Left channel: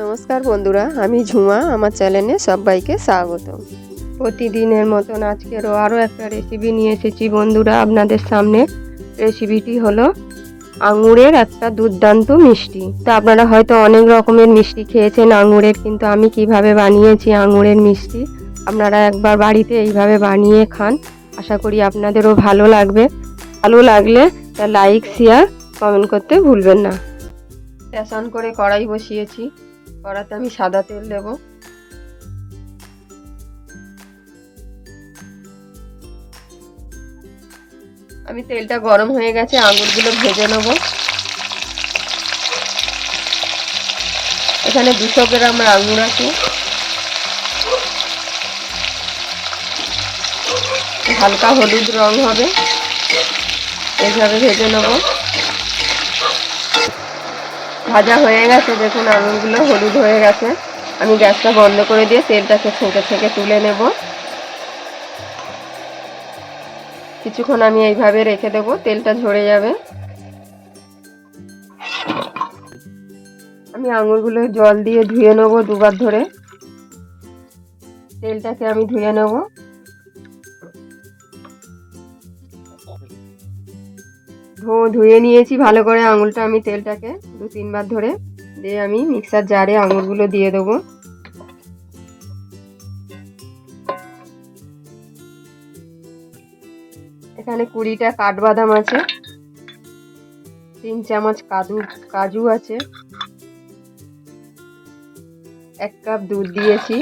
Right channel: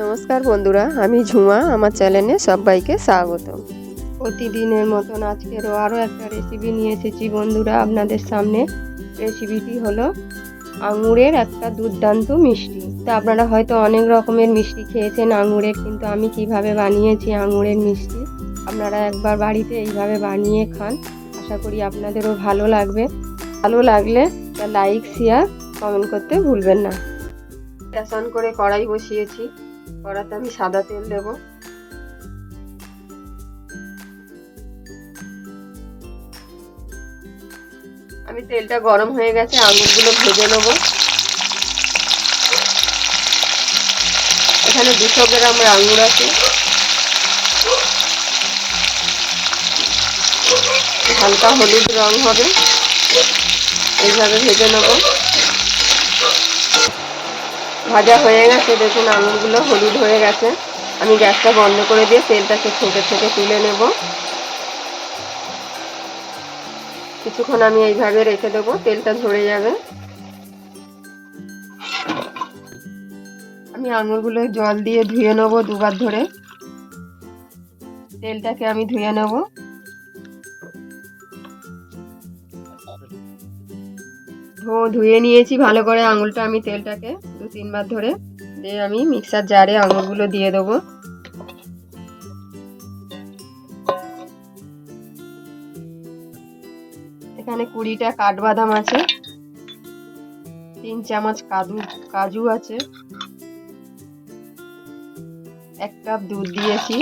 নমস্কার বন্ধুরা, আমি ঝুমা, আমার চ্যানেলে সবাইকে স্বাগত। প্রতিদিনের মতন আজকেরও আরও একটা রেসিপি নিয়ে এসেছি বন্ধুরা, আপনাদের সামনে। রেসিপিটি হলো আঙুরের একটা দুর্দান্ত মিষ্টি। তো আপনারা হয়তো অনেক রকমের মিষ্টি খেয়েছেন আঙুরের, কিন্তু আমি কীভাবে বানিয়েছি আঙুরের মিষ্টি, আপনারা একবার বাড়িতে এইভাবে বানিয়ে খান। আশা করি আপনাদেরও ভালো লাগবে। ভালো লাগলে লাইক শেয়ার কমেন্ট করতে ভুলবেন না। বেসন করে কড়াই বসিয়েছি। কড়াতে আমি সাদা তেল দেব। আমি তেলটা গরম হয়ে গেছে, আঙুরগুলো ভেজে নেব। এখানে দুশো গ্রাম আঙুর আছে। হালকা হলুদ রং হবে। এইভাবে ভেজে নেব। ভাজা হয়ে গেছে, দেখুন আঙুরগুলো হলুদ হয়ে গেছে। আমি গ্যাসটা বন্ধ করে দিয়ে তেলটাকে ছেঁকে ছেঁকে তুলে নেব। কিছুক্ষণ আমি এইভাবে রেখে দেব, তেলটা ঝরে যাবে। আমি আঙুরগুলো জল দিয়ে ধুয়ে নেব দুবার ধরে। তেলটাকে আমি ধুয়ে নেব। ধুয়ে নিয়েছি ভালো করে আঙুলটা, আমি তেলটাকে দু তিনবার ধরে দিয়ে আমি মিক্সার জারে আঙুরগুলো দিয়ে দেবো। এখানে কুড়িটা কাঠবাদাম আছে, তিন চামচ কাজু কাজু আছে, এক কাপ দুধ দিয়েছি।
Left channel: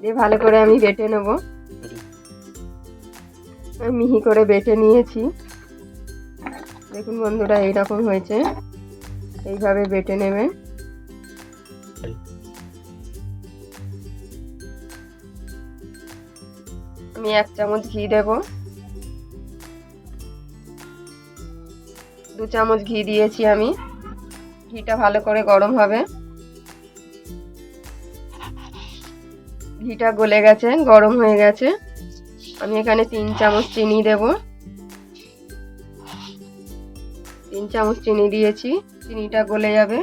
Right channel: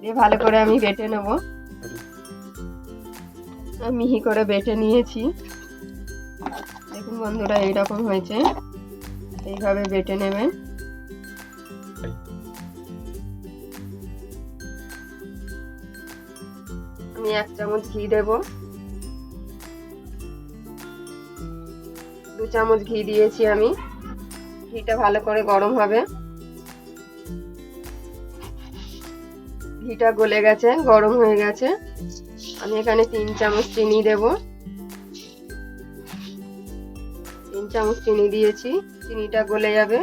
দিয়ে ভালো করে আমি বেটে নেব। মিহি করে বেটে নিয়েছি। দেখুন বন্ধুরা, এইরকম হয়েছে। এইভাবে বেটে নেবে। আমি এক চামচ ঘি দেব। দু চামচ ঘি দিয়েছি আমি। ঘিটা ভালো করে গরম হবে। ঘিটা গলে গেছে, গরম হয়ে গেছে। আমি এখানে তিন চামচ চিনি দেব। তিন চামচ চিনি দিয়েছি, চিনিটা গলে যাবে।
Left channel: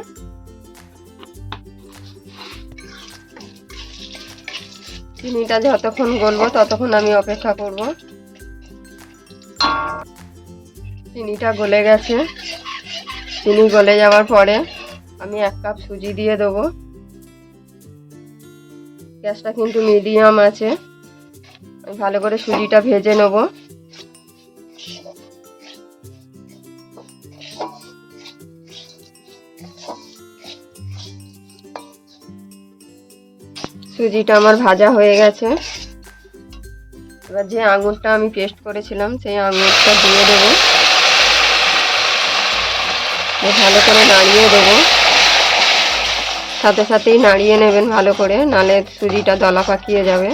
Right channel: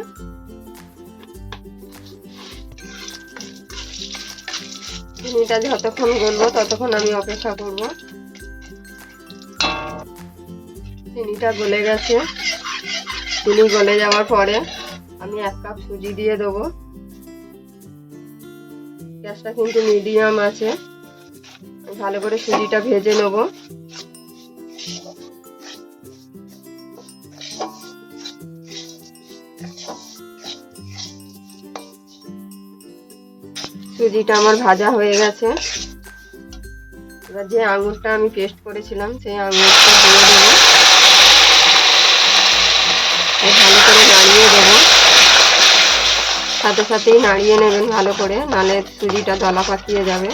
চিনিটা যতক্ষণ গলবো ততক্ষণ আমি অপেক্ষা করব। চিনিটা গলে গেছে। চিনি গলে যাওয়ার পরে আমি এক কাপ সুজি দিয়ে দেবো। গ্যাসটা কিন্তু মিডিয়াম আছে। ভালো করে সুজিটা ভেজে নেব। সুজিটা আমার ভাজা হয়ে গেছে। এবার যে আঙুরটা আমি পেস্ট করেছিলাম, সেই আঙুরটা দিয়ে দেবো। ভালো করে নাড়িয়ে দেবেন সাথে সাথেই নাড়িয়ে নেবেন ভালো করে, নালে সুজিটা দলা পাকিয়ে যাবে।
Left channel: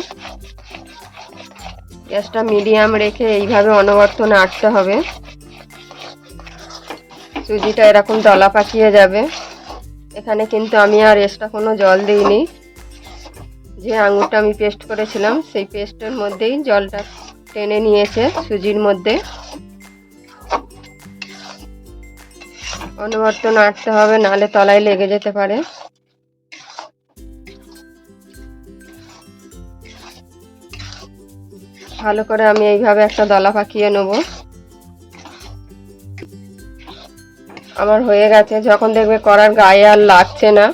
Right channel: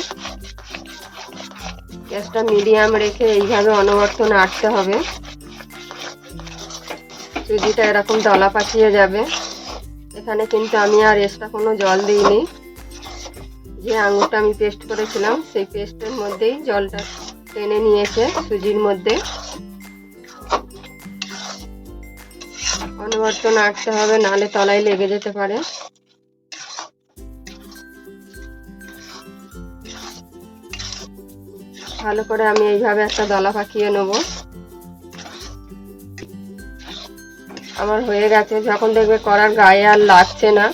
গ্যাসটা মিডিয়াম রেখে এইভাবে অনবর্ত নাড়তে হবে। সুজিটা এরকম দলা পাকিয়ে যাবে। এখানে কিন্তু আমি আর এক্সট্রা কোনো জল দিইনি। যে আঙুরটা আমি পেস্ট করেছিলাম, সেই পেস্টের মধ্যেই জলটা টেনে নিয়েছে সুজির মধ্যে। অনবর্ত নাড়তে হবে, নাহলে তলায় লেগে যেতে পারে। ভালো করে আমি এইভাবে একটা দলা পাকিয়ে নেব। আমার হয়ে গেছে, যখন দেখবে করার গায়ে আর লাগছে না,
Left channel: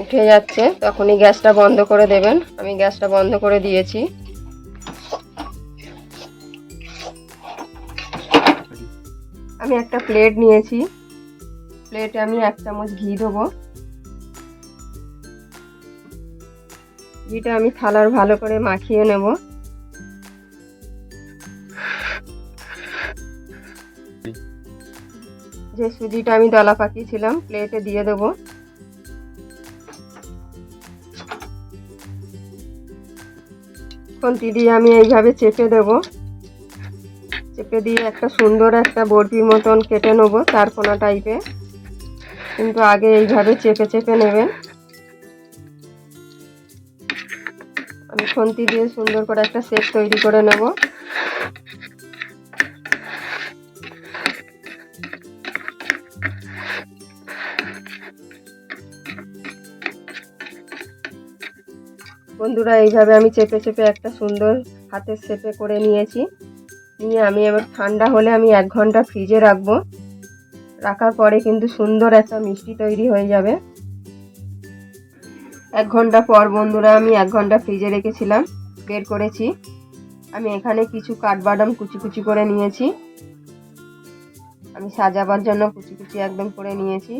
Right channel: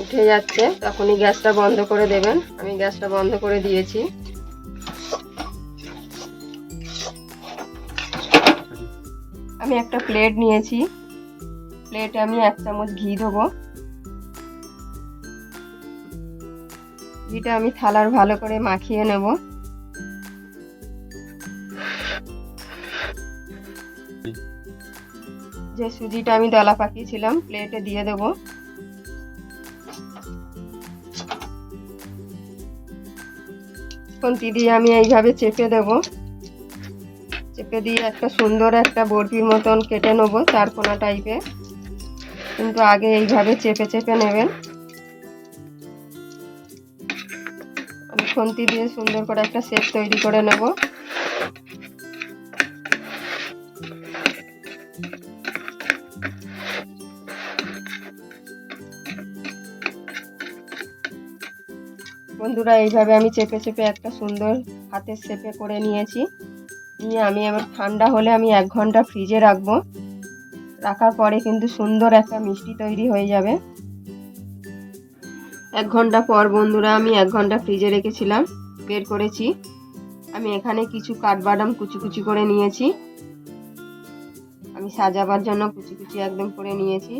উঠে যাচ্ছে, তখনই গ্যাসটা বন্ধ করে দেবেন। আমি গ্যাসটা বন্ধ করে দিয়েছি। আমি একটা প্লেট নিয়েছি। প্লেটে আমি এক চামচ ঘি দেবো। ঘিটা আমি থালার ভালো করে মাখিয়ে নেব। যে সুজিটা আমি দলা পাকিয়েছিলাম, প্লেটে দিয়ে দেব। খুন্তি দিয়ে আমি এইভাবে চেপে দেব। চেপে দিয়ে একটা সুন্দর একটা বরফির মতন কেটে নেব চারকোনা টাইপে কিন্তু আগে এইভাবে চেপে চেপে নেবেন। আমি খুন্তি দিয়ে সুন্দর করে একটা শেপ তৈরি করে নেব। বন্ধুরা, এইভাবে আমি চেপে চেপে একটা সুন্দর হাতের শেপে করে নিয়েছি। নিয়ে আমি আমার ঠান্ডা হলে আমি এক ঘণ্টা ফ্রিজে রাখব। রাখার পরে কিন্তু সুন্দর একটা মিষ্টি তৈরি হয়ে যাবে। এক ঘণ্টা পর বন্ধুরা, আমি এক ঘণ্টা ফ্রিজে রেখেছিলাম, বের করেছি। আমি এখানে কিছু কাঠবাদাম কুচি কুচি করে নিয়েছি। আমি সাজাবার জন্য কুচি কুচি একদম করে নিয়েছি।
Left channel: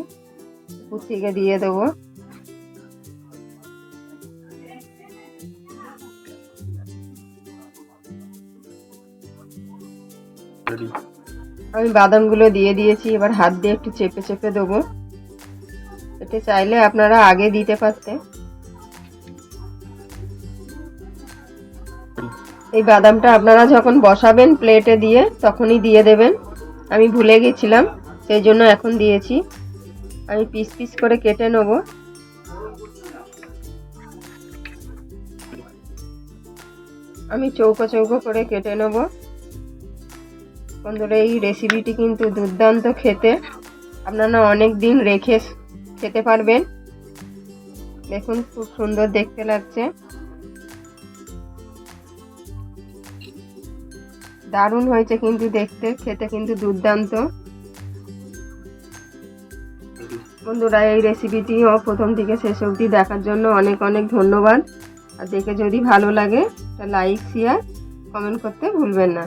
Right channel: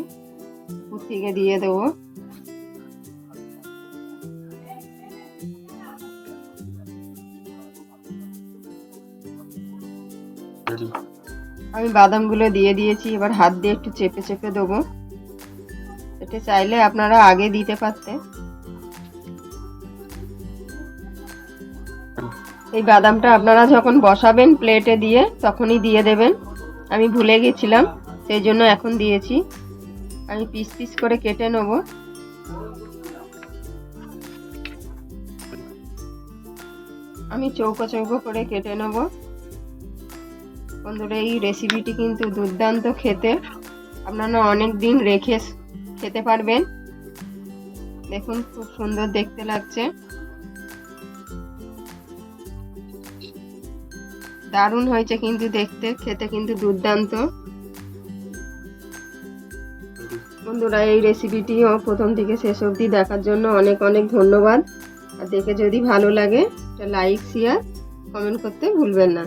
উপর থেকে দিয়ে দেবো। রেডি আমি বাদামগুলো দিয়ে দিয়েছি, এবার হাত দিয়ে একটু চেপে চেপে দেবো। এটা চাইলে আপনারা আগে দিতে পারতেন এই বাদামটা আপনারা যখন বসাবেন প্লেটে দিয়ে, তখনই দিয়ে দেবেন। আমি ভুলে গেছিলাম, সেই জন্য এখন দিয়েছি। আমি পিস পিস করে কেটে নেব। আমি চৌকো চৌকো করে কেটে নেব। বন্ধুরা, এই রেসিপিটি কিন্তু দুর্দান্ত খেতে। আপনারা অনেক দিন রেখে খেতে পারবেন। দেখুন, খুব সুন্দর দেখতে লাগছে। দারুণ হয়েছে কিন্তু দেখতে, খেতে কিন্তু দুর্দান্ত। বন্ধুরা, এই রেসিপিটিও প্রথম থেকে শেষ অবধি দেখার জন্য অনেক অনেক ধন্যবাদ। আর দেখে যদি ভালো লাগে লাইক শেয়ার কমেন্ট করতে ভুলবেন না।